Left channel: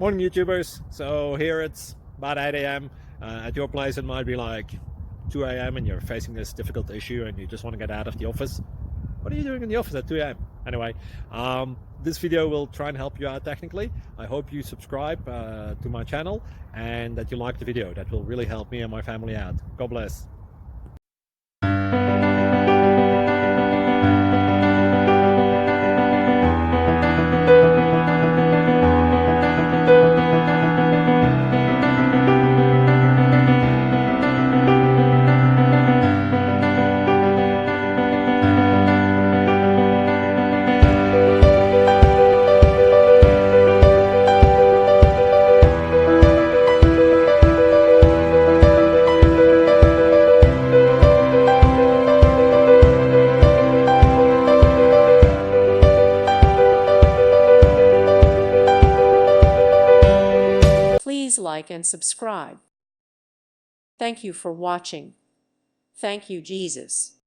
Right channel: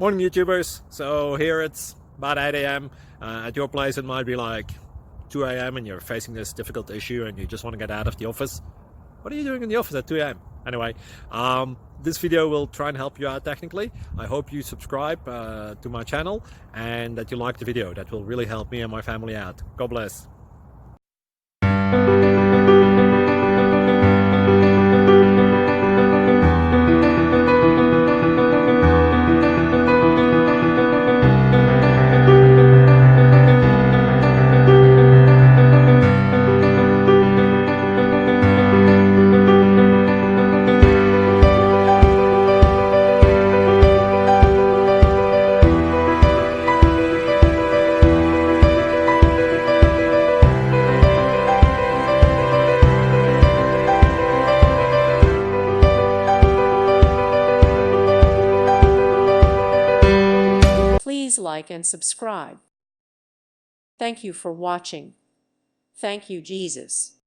Morning, YouTubers. So here it's about 8 a.m. At your place, it might be like 2 a.m. and you're facing this difficult issue and you just want to get out of the office. What are you doing in the office at 2 a.m.? Anyway, this video will try and help you out technically. I hope you subscribe to my channel and that you like the video. That will really help me and my family out. God bless. Please like and subscribe. Thank you for watching. Thank you, Jesus.